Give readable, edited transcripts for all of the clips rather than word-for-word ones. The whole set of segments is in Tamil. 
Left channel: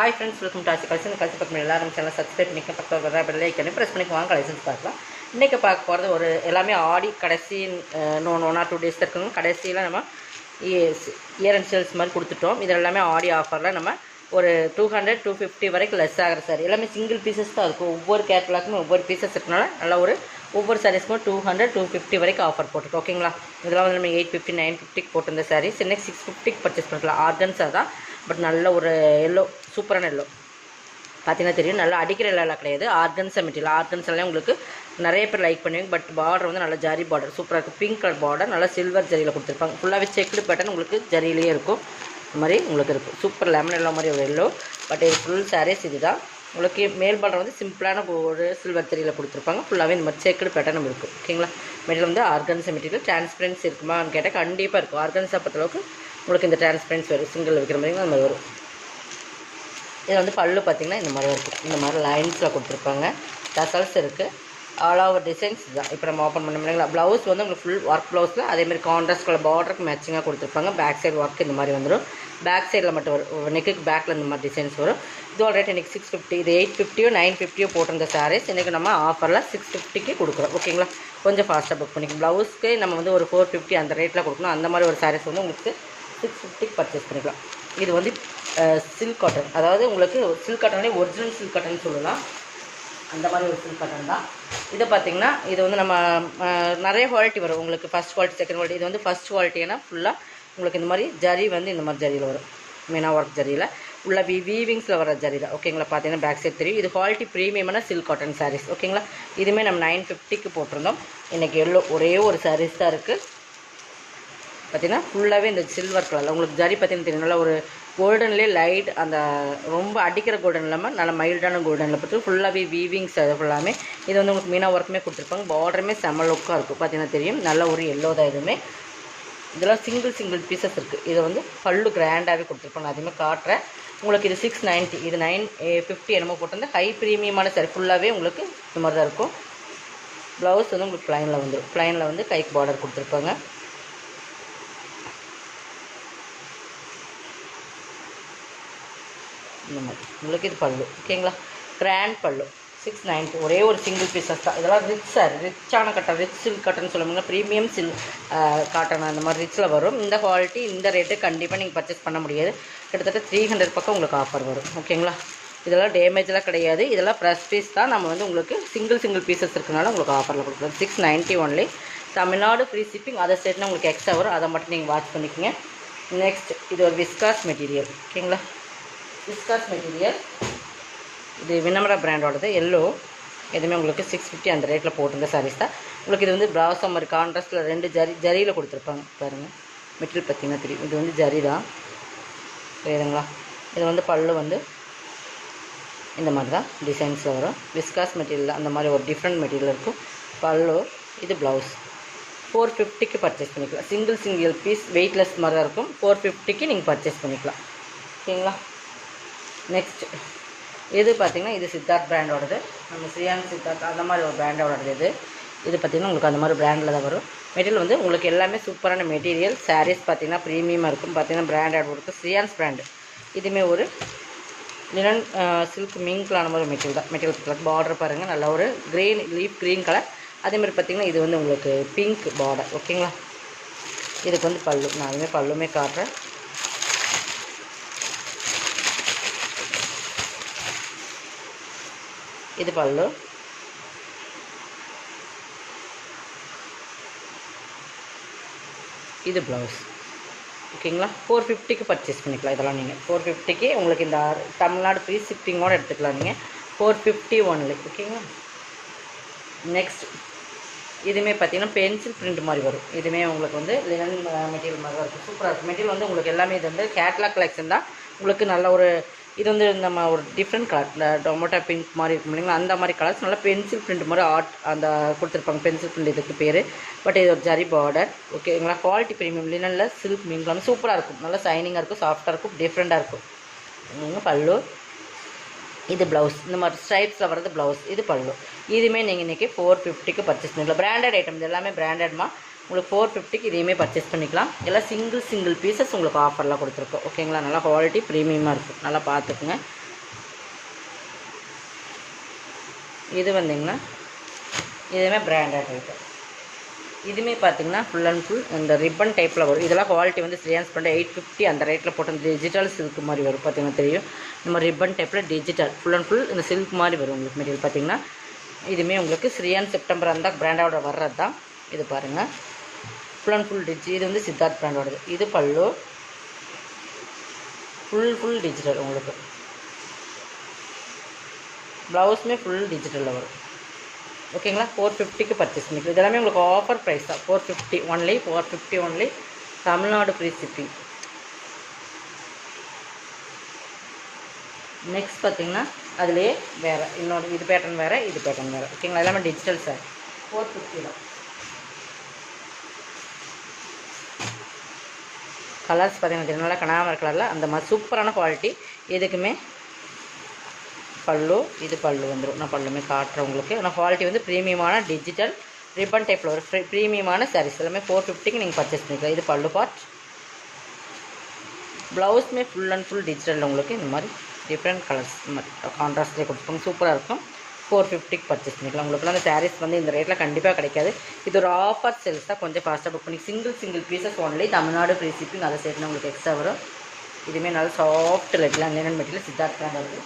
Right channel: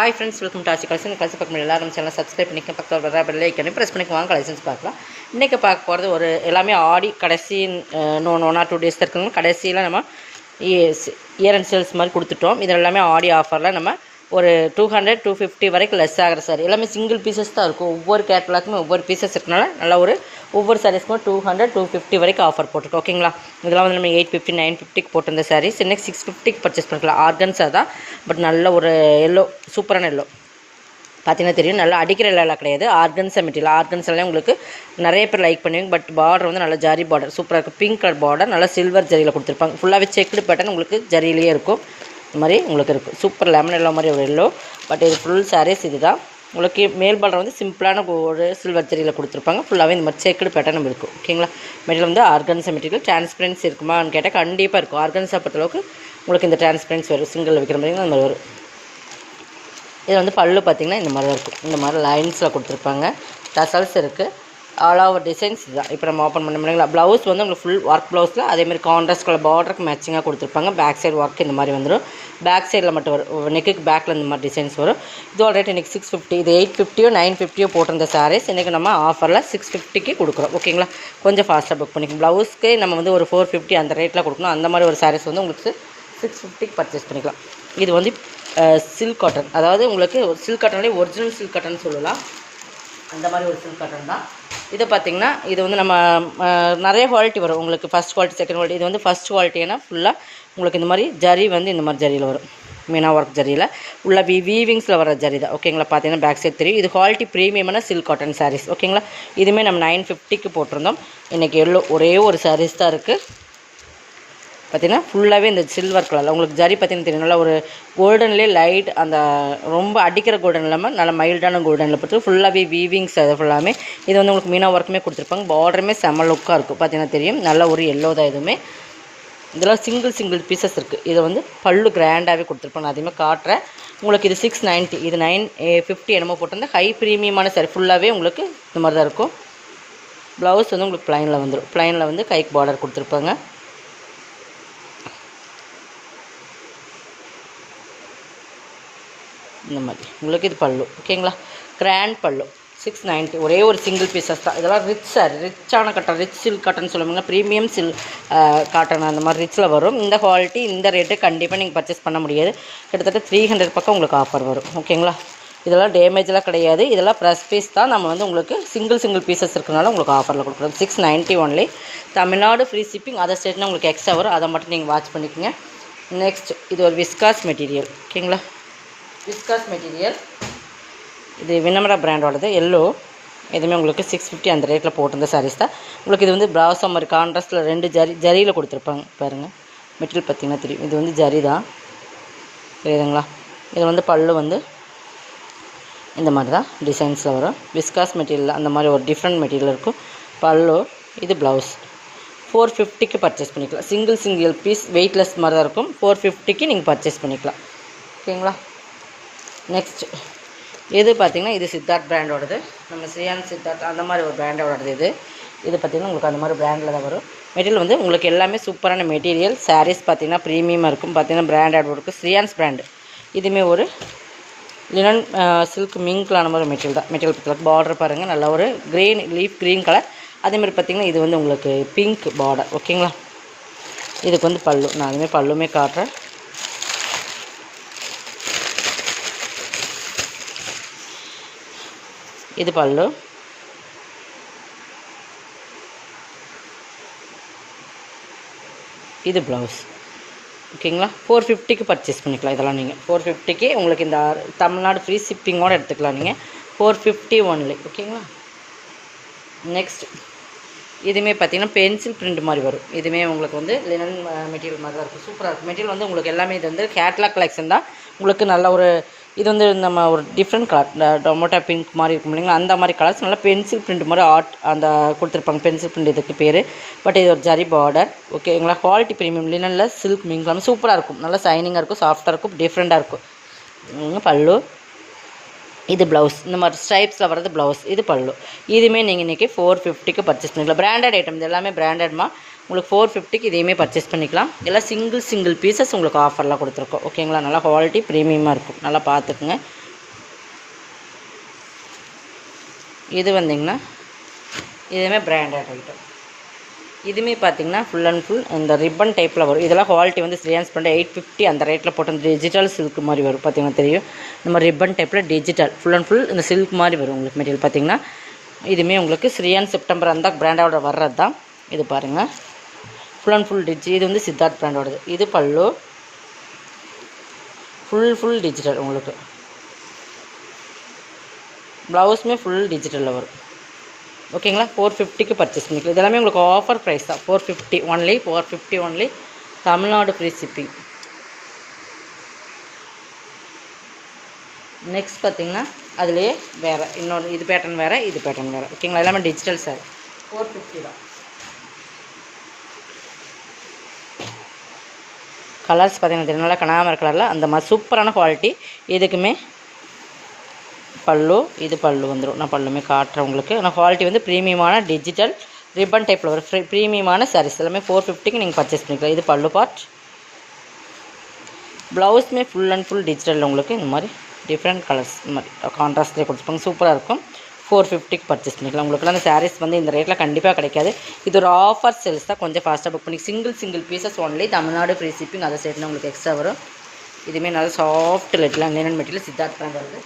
Hi friends, welcome to Aachi collection. இந்த கலெக்ஷன் பார்க்க எல்லாரும் சேனல் சப்ஸ்கிரைப் பண்ணிக்க, பக்கத்தில் வர பெல் ஐக்கனை ப்ரெஸ் பண்ணி வாங்க கலெக்ஷன்ஸ் பார்க்கலாம். இன்றைக்கி பார்க்க போகிறது ஒரு எல்லாமே ஆடி கடைசி 1 or 2 days இருக்குங்க. கடைசியில் நம்ம இயர் அண்ட் சேல்ஸ் மாதிரி கொடுத்துட்டோம். இதில் எல்லாமே ஆடி ஆஃபரில் நம்ம ஒரு 200-250 வரைக்கும் லெஸ் ஆகிற சார் எல்லாமே சிங்கிள் பீசஸ் தான் இருக்கும். ஒவ்வொரு கேட்டலாக்குமே ஒவ்வொரு பீசஸ் இருக்கனால நல்லா ஒரு ஒவ்வொரு சாரீஸ்க்கும் 200-250 வரைக்கும் ஆஃபர் போட்டுருக்கோம். ஓகேங்களா, இதெல்லாம் வந்து நம்ம 850-950 போட்டிருந்த சாரீஸ் இன்னைக்கு 650 பர்ச்சேஸ் பண்ணிக்கலாம். ஆர்கன்ஸா தான், பட் நல்ல ஒரு எல்லோ, சூப்பரான எல்லோ பார்த்தீங்கன்னா தெரியும். நல்லா அடிக்கிற எல்லாம் கிடையாது, ஆர்கன்ஸா மெட்டீரியல். ஆர்கன்ஸெல்லாம் உங்களுக்கு நிறைய பேர் லைக் பண்ணுவீங்க. பட் பார்டர் வந்து நல்லா ஜரி பார்டர் சூப்பராக இருக்குது. பிங்க் கலர் பார்டர் நல்லா சில்வர் ஜரியில் கொடுத்துருப்பாங்க. ஃபுல்லாகவே செக்குடு பேட்டர்ன் உங்களுக்கு ஜரியிலேயே இருக்கும். இந்த மாதிரி உங்களுக்கு இருக்குது. சூப்பர் லெமன் எல்லோ மாதிரி ஒரு எல்லோ. பட் இது ஃபுல் சாரீஸ் இது தான். உங்களுக்கு மேல் பார்டர் வந்து சிம்பிளான ஒரு சில்வர் ஜரியில் கொடுத்துருப்பாங்க. ஃபுல்லாகவே இந்த மாதிரி செக்குடு பேட்டர்னும் இருக்கும். ஓகேங்களா, மெட்டீரியல் வந்து ஆர்கன்ஸா மெட்டீரியல். டிரான்ஸ்பரன்சி இருக்குமான்னு கேட்டால் கண்டிப்பாக இருக்கும். ஆர்கன்ஸா பொறுத்தளவுக்கு உங்களுக்கு இந்த டிரான்ஸ்பரன்சி வரும். சிங்கிள் வைக்கிற மாதிரி அந்த வரும். இது வந்து பல்லு பார்த்திங்கன்னா இந்த மாதிரி தான் இருக்கும். இந்த மாதிரி லைன்ஸில் கொடுத்துருப்பாங்க. டசல்ஸ் இருக்குது. ஆல் ஓவர் டிசைன்ஸ் இதுதான். இப்போ நம்ம ஓப்பன் பண்ண முடியுங்களா. ப்ளவுஸ் வந்து உங்களுக்கு ஃபுல் ஒர்க் ப்ளவுஸில் அதேமாதிரி கான்ட்ராஸ்ட் கலர் பார்டருக்கு மேட்சிங்காக கொடுத்துருப்பாங்க. பேக் சைடு ஒர்க் இந்த மாதிரி வந்துடும். பேக் சைடில் மட்டும் வரும். நெக்குக்கு பேக்கில் இந்த மாதிரி டிசைன்ஸ் வரும். இதோட ரேட் இன்றைக்கி 650. இது 850-950 போட்டிருந்த சாரீஸ் இன்றைக்கி நம்ம ஆஃபரில் 650 கொடுக்குறோம். ஓகேங்களா, கொஞ்சம் ஃபாஸ்ட்டாக புக் பண்ணிக்கலாம். ப்ளவுஸ்க்கு நம்ம வந்து ஒரு 450 அந்த ரேட்டில் கொடுக்கணும். அந்த மாதிரி ஒரு சாரீஸ் வந்து உங்களுக்கு 650 பர்ச்சேஸ் பண்ணிக்கலாம். இது வந்து சில்க் காட்டன், அதாவது உங்களுக்கு சில்க் காட்டன்லேயே ஒரிஜினல் சில்க் காட்டன் சொல்லலாம். அந்த மாதிரி ஒரு சில்க் காட்டன் தான். இதை பார்த்திங்கன்னா இது வந்து நம்ம நிறைய குவாலிட்டி வரும் உங்களுக்கு. First quality, second quality. இது வந்து ஃபஸ்ட் குவாலிட்டினா ஃபுல்லாக உங்களுக்கு இந்த மாதிரி ஜரி வந்து இந்த மாதிரி ஜரியில் வரும். மீனா ஒர்க் ஜரியில் உள்ள வீவிங்ஸில் வர ஜரி தான். ஓகேங்களா, பார்த்தீங்கன்னா பேக் சைட் தெரியும். இது குவாலிட்டி ப்ரீமியமான சில்க் காட்டன் சாரீஸ். ஓகேங்களா, இதுவுமே நம்ம 950 போட்டிருந்தோம். இன்றைக்கி எவ்வளோ ஒரே ஒரு சாரீஸ் தான் இருக்குது. பார்த்திங்கன்னா ஃபுல்லாகவே இந்த சில்வர் கலரில் உங்களுக்கு ஜரி பார்த்திங்கன்னா தெரியும். நல்லா ஒரு கோல்டன்லேயே லைட், அந்த ரொம்ப அடிக்கிற கோல்டன் இல்லாமல் நல்லா மைல்டான கோல்டனில் பார்த்து ஃபுல்லாகவே வீவிங்ஸ். அது ஃபுல்லாமே இது வந்து உங்களுக்கு மீனா ஒர்க்குமே கொடுத்துருப்பாங்க. பார்டருமே செம்ம லுக்காக இருக்கும். பார்த்தீங்கன்னா தெரியும். நல்ல ஒரு எல்லோ தான். இதுவுமே இதெல்லாம் சிங்கிள் பீசஸ் இருக்குது. இதை வந்து பல்லு கிராண்டாகவே கொடுத்துருப்பாங்க. அதையுமே காட்டுறேன் உங்களுக்கு. இது 690, இது 950 என்னமோ போட்டிருந்தேன். ஹை ப்ரீமியமான சாரி ஃபுல்லாகவே உங்களுக்கு இந்த மாதிரி தான் இருக்கும். ப்ளவுஸ் வந்து உங்களுக்கு ப்ளைனில் வந்துடும். ப்ளைனில் வந்து கைக்கு பார்டர் கொடுத்துருப்பாங்க. இந்த மாதிரி உங்களுக்கு இது பல்லு. ஓகேங்களா, கிராண்ட் பல்லு 690. ஒரே ஒரு சிங்கிள் பீசஸ் தான். இதெல்லாம் ரிச் சாரி, ரிச்சான காட்டன், ரிச் சில்க் காட்டன் சொல்லுவாங்க. ப்ரீமியம் காட்டன் அந்த மாதிரி ரிச்சில் வரும். இந்த குவாலிட்டி இந்த ரேட்டு கண்டிப்பாக நீங்கள் பர்ச்சேஸ் பண்ண முடியாது. கிட்டத்தட்ட 300 பக்கம் உங்களுக்கு ஆஃபர் வரும். ஓகேங்களா, இதெல்லாம் டேமேஜெலாம் கிடையாது. இதெல்லாம் ப்ரெஸ் பீஸ் தான். நம்ம வந்து உங்களுக்கு சிங்கிள் பீசஸ் இருக்கிறனால உங்களுக்கு ஆஃபரில் கொடுக்குறோம். 690 only. Tamil Nadu free shipping. Other ஸ்டேட்னா உங்களுக்கு எக்ஸ்ட்ரா வரும். அதை மட்டும் நீங்கள் வாட்ச் பண்ணிக்கோங்க. நெக்ஸ்ட் இது ஒரு விஸ்காஸ் மெட்டீரியல். ஓகேங்களா, விஸ்காஸ் மெட்டீரியல். இது வினமரா பிராண்டோடது எல்லோ. எதுவுமே உங்களுக்கு 650 அந்த ரேட்டில் போட்டிருந்த சாரீஸ் தான். உங்களுக்கு இது வந்து பிராசோ மாதிரி கான்ட்ராஸ்ட்டில் 2 ஜரியில் கொடுத்துருப்பாங்க. பாருங்கள், மெட்டீரியல் பார்த்திங்கன்னா தெரியும். இது வந்து ஜரி தான், தெரியுதுங்களா. இது வந்து பல்லு வந்து இந்த மாதிரி தான் டிசைன்ஸில் வரும். விஸ்காஸ் மெட்டீரியல் அந்த மாதிரி ஒரு டிஃப்ரெண்ட் மெட்டீரியல் இருக்கும். பல்லு இது ப்ளவுஸ். 450 பர்ச்சேஸ் பண்ணிக்கலாம். சிங்கிள் பீஸ் வெயிட்லெஸ் மாதிரி தான் இருக்கும். 450 நீங்கள் பர்ச்சேஸ் பண்ணிக்கலாம். ஓகேங்களா, நெக்ஸ்ட் இது பார்த்திங்கன்னா இது சித்தார்த் பிராண்டோடது. நம்ம ஸ்ரீயான் சித்தார்த் அந்த மாதிரி ஒரு பிராண்டோடது. இது பார்த்திங்கன்னா உங்களுக்கு அந்த மாதிரி பிராண்டில் தான் வரும். மெட்டீரியல் வந்து உங்களுக்கு எல்லாமே சூப்பரான மெட்டீரியல். சாரீஸ் பார்த்திங்கன்னா ப்ரீமியமாக இருக்கும். பார்த்திங்கன்னா பிராண்டட் இருக்குது. ஸ்ரீயான்ஸ் பிராண்டு. இதுவுமே ஒரு லினன் சில்க் மிங்க்லான மாதிரி மெட்டீரியல் தான். மெட்டீரியல் பார்த்திங்கன்னா பார்டர் பாருங்கள், நல்லா ஒரு க்ரீன் லீஃப் க்ரீன் கலர். அதேமாதிரி பார்த்திங்கன்னா இது வந்து உங்களுக்கு பிங்க் பார்டர். ஓகேங்களா, இதுக்கு வந்து பல்லு. நான் அதுமாதிரி பல்லுமே காட்டுறேன். இது பல்லு. இது ப்ளவுஸ். ஓகேங்களா, 450 பர்ச்சேஸ் பண்ணிக்கலாம். இதெல்லாம் நீங்கள் 450 உங்களுக்கு இந்த தமிழ்நாடு ஃப்ரீ ஷிப்பிங்கோடு எடுத்துக்கலாம் நீங்கள். 450 ஒன்லி. ஓகேங்களா, நெக்ஸ்ட் இதுவுமே பார்த்திங்கன்னா பென்சில் பிரிண்ட் மாதிரி வரும். இதுவுமே உங்களுக்கு வந்து லினன் மெட்டீரியல் மாதிரி தான் இருக்கும். சூப்பராக இருக்கும். மெட்டீரியல் வந்து உங்களுக்கு எல்லாமே இது வந்து கேட்லாக் கலெக்ஷன் தான். உங்களுக்கு நல்ல ஒரு இது வந்து நம்ம ஒரு டிஃப்ரெண்ட் கலர் டொமேட்டோ பிங்க் மாதிரி இருக்கும் இல்லைங்களா, அந்த மாதிரி கலர்ஸ் நல்லா பென்சில் பிரிண்ட் மாதிரி அந்த கொடுத்துருப்பாங்க. பென்சில் பிரிண்ட் இதுக்கு பேர். பட் இது ஒரு ஜரி பார்டர். ஓகேங்களா, குவாலிட்டி ப்ரீமியம் லினனில் சில்க் மிங்க்லாம் சூப்பராக இருக்கும். நல்லா சைனிங்காக இருக்கும், சாஃப்டாக இருக்கும், டிஃப்ரெண்ட்டாக இருக்கும். பல்லு இது ப்ளவுஸ். இந்த மாதிரி ஸ்ட்ரைப்ஸில் வர்றது ப்ளவுஸ். இது பல்லு. இதுவுமே நீங்கள் இன்றைக்கி 450 பர்ச்சேஸ் பண்ணிக்கலாம். Branded item. இது எல்லாமே பிராண்டட்மா. உங்களுக்கு 450 இதையுமே பர்ச்சேஸ் பண்ணிக்கலாம். எல்லாம் சிங்கிள் பீசஸ் உங்களுக்கு ஆஃபர்லாம் கொடுத்துருக்கோம். ஓகேங்களா, நல்லா குவாலிட்டி ப்ரீமியமாக இருக்கும். நல்லா பார்த்துக்குங்க. இது வந்திங்கன்னா இதுவுமே பிராண்டட் ஐட்டம். இதுவுமே பார்த்திங்கன்னா ஃபுல் அண்ட் ஃபுல் அந்த ரிப்பன் டைப்பில் வரும். இதெல்லாம் குவாலிட்டி வந்து ஸ்ரீயான்ஸ் பண்ண 850 அந்த ரேட்டில் போட்டு அந்த டிஜிட்டல் சில்க் மாதிரி வரும். பார்த்திங்கன்னா தெரியும், இந்த மாதிரி ரிப்பன் டைப்பில் டிஜிட்டல் ஃபுல் அண்ட் ஃபுல் இந்த சில்க் மாதிரி வரும் உங்களுக்கு மெட்டீரியல். பார்த்திங்கன்னா இதுவுமே உங்களுக்கு ஸ்ரீயான் செப்டம்பர் அந்த பிராண்டோட வர்றது தான். இது பாருங்கள், ஃபுல் அண்ட் ஃபுல் இது வந்து சித்தார்த் பிராண்டோடது. இது பல்லு ஃபுல் டிஜிட்டல் உங்களுக்கு. ப்ளவுஸுமே ஃபுல் டிஜிட்டலில் வரும். ஓகேங்களா, 450க்கு பர்ச்சேஸ் பண்ணிக்கலாம். இதெல்லாமே உங்களுக்கு ஆஃபர் ப்ரைஸ் தான். 450 only, 450 only, Tamil Nadu free shipping. Next பார்த்திங்கன்னா அதுலேயே வேறு இன்னொரு இது பேட்டர்ன் வேறு, இது பேட்டர்ன் வேறு. ஓகேங்களா, எல்லாமே டிஜிட்டல் சார். 450 தான். கலர்ஸ் பார்த்திங்கன்னா நல்லா கனாமர் கலரில் அந்த மாதிரி சூப்பரான குவாலிட்டி. இதுக்குமே பல்லு, இது பல்லு வந்துடும். நான் பல்லுமே காட்டுறேன் உங்களுக்கு. ஆனால் குவாலிட்டி வந்து ப்ரீமியமான டிஜிட்டல் ரிப்பன் டைப்பில் ஒரு ப்ரீமியமான சாரீஸ் எல்லாமே 450க்கு நீங்கள் பர்ச்சேஸ் பண்ணிக்கலாம். இது பல்லு பார்ட். ப்ளவுஸுமே ஃபுல் அண்ட் ஃபுல் டிஜிட்டலில் உங்களுக்கு இந்த மாதிரி டிஃப்ரெண்ட் கலர்ஸ் இந்த மாதிரி கான்ட்ராஸ்ட்லேயே கொடுத்துருப்பாங்க. சூப்பராக இருக்கும். 450க்கு பர்ச்சேஸ் பண்ணிக்கலாம். உங்களுக்குலாம் அந்த சாரீஸ் வந்து இந்த ரேட்டில் கண்டிப்பாக கிடைக்காது. இது ஒரு ஆஃபர் சேல்ஸ் தான். கொஞ்சம் ஃபாஸ்ட்டாக புக் பண்ணி single pieces only, Tamil Nadu free shipping. அதை சேர்த்து உங்களுக்கு எக்ஸ்ட்ரா வரும். இதுவுமே நல்லா சாஃப்ட் லெட்லாம் லினன் மெட்டீரியல் சித்தார்த் பிராண்ட் வருது.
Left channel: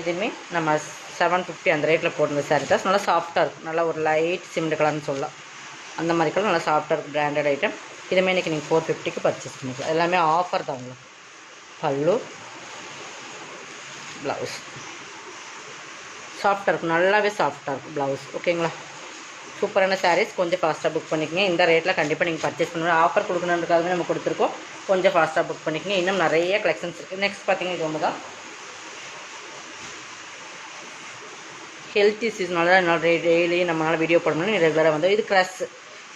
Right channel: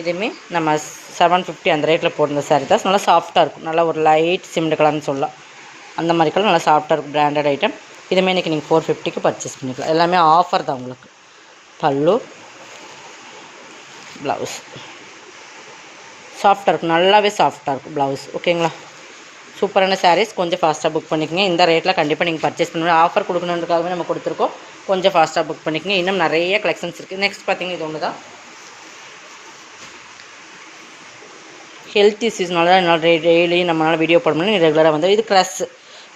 இதுவுமே நம்ம 750 அந்த ரேட்டில் போடுற சாரீ தான். நல்லா சாஃப்ட்டாக இருக்கும். நல்லா ஒரு லைட் சிமெண்ட் கலர்னு சொல்லலாம். அந்த மாதிரி கலர் நல்லா சாஃப்ட்டாக இருக்கும். Branded item. இதுவுமே இன்றைக்கி நீங்கள் 450க்கு பர்ச்சேஸ் பண்ணிக்கலாம். எல்லாமே ஆஃபர் தான் உங்களுக்கு. பல்லு, ப்ளவுஸ் சாஃப்ட்டாக இருக்கும். நல்லாவே சாஃப்ட்டாக இருக்கும் ப்ளவுஸ். ஓகேங்களா, சூப்பரான சாரீஸ். கொஞ்சம் ஃபாஸ்ட்டாக புக் பண்ணிக்கோங்க. இந்த ரேட்டில் கண்டிப்பாக நீங்கள் பர்ச்சேஸ் பண்ணணும். ஆஃபர் கொடுக்கணுன்றதுக்காகவே நம்ம கொடுத்துருக்கோம். கொஞ்சம் ஃபாஸ்ட்டாக புக் பண்ணிக்கோங்க. இன்னும் நிறைய கலெக்ஷன்ஸ் இருக்குது. நெக்ஸ்ட் பார்த்திங்கன்னா இது ஒன்று தான். ஹெல்த் இஷ்யூஸ்னால தான் டெய்லி நம்மளால் வீடியோ போட முடியும். ரெகுலராக வந்து இது க்ரஸ்.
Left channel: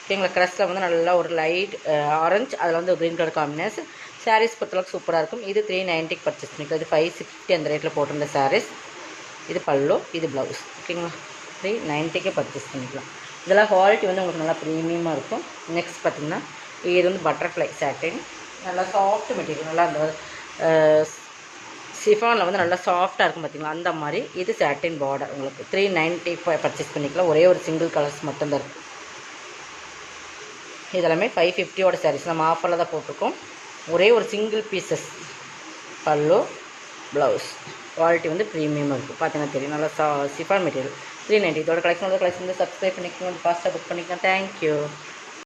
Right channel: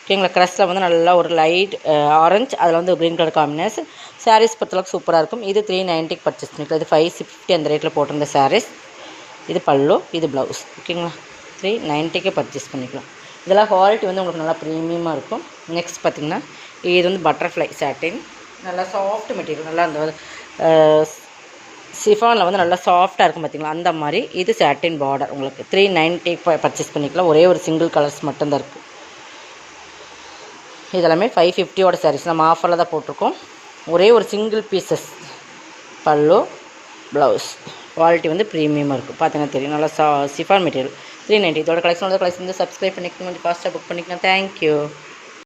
ஓகேங்களா, க்ரஸில் வந்து நல்லா ஒரு லைட் ஆரஞ்சு, அதில் வந்து க்ரீன் கலர் காம்பினேஷன். சாரீஸ் பொறுத்தளவுக்கு சூப்பராக இருக்கும். இது 390க்கு பர்ச்சேஸ் பண்ணிக்கலாம். இது 550 அந்த ரேட்டில் போட்டிருந்த சாரீஸ். இது பல்லு, இது ப்ளவுஸ். ஓகேங்களா, 390க்கு பர்ச்சேஸ் பண்ணிக்கலாம். இதெல்லாம் குவாலிட்டி வந்து உங்களுக்கு நல்லா ப்ரீமியமாக இருக்கும். நெக்ஸ்ட் பார்த்திங்கன்னா இது வந்து பட்டர்ஃப்ளை சாட்டின். நல்லா சாஃப்ட் மெட்டீரியல். நல்லா அந்த சிஃபானில் வந்து நல்லா சாஃப்ட்டாக இருக்கும் பார்த்திங்களா, அந்த மாதிரி. இது சாட்டின் பார்டர் உங்களுக்கு 390 பர்ச்சேஸ் பண்ணிக்கலாம். ஒரே ஒரு சிங்கிள் கலர்ஸ் மட்டும்தான் இருக்கும். இதெல்லாமே 550யோட சாரீஸ். நம்ம ஆஃபரில் தான் போட்டிருக்கோம். ஒரே ஒரு சிங்கிள் பீசஸ். பல்லு, ப்ளவுஸ். குவாலிட்டி வந்து ப்ரீமியமாக இருக்கும். பார்த்தீங்கன்னா தெரியும். நல்லா சிஃபான் மெட்டீரியல் 390. இதோட கலெக்ஷன் வந்து சப்ஸ்கிரைப் பண்ணிக்கணும். ஃபாஸ்ட்டாக புக் பண்ணிக்கலாம். தேங்க்யூ.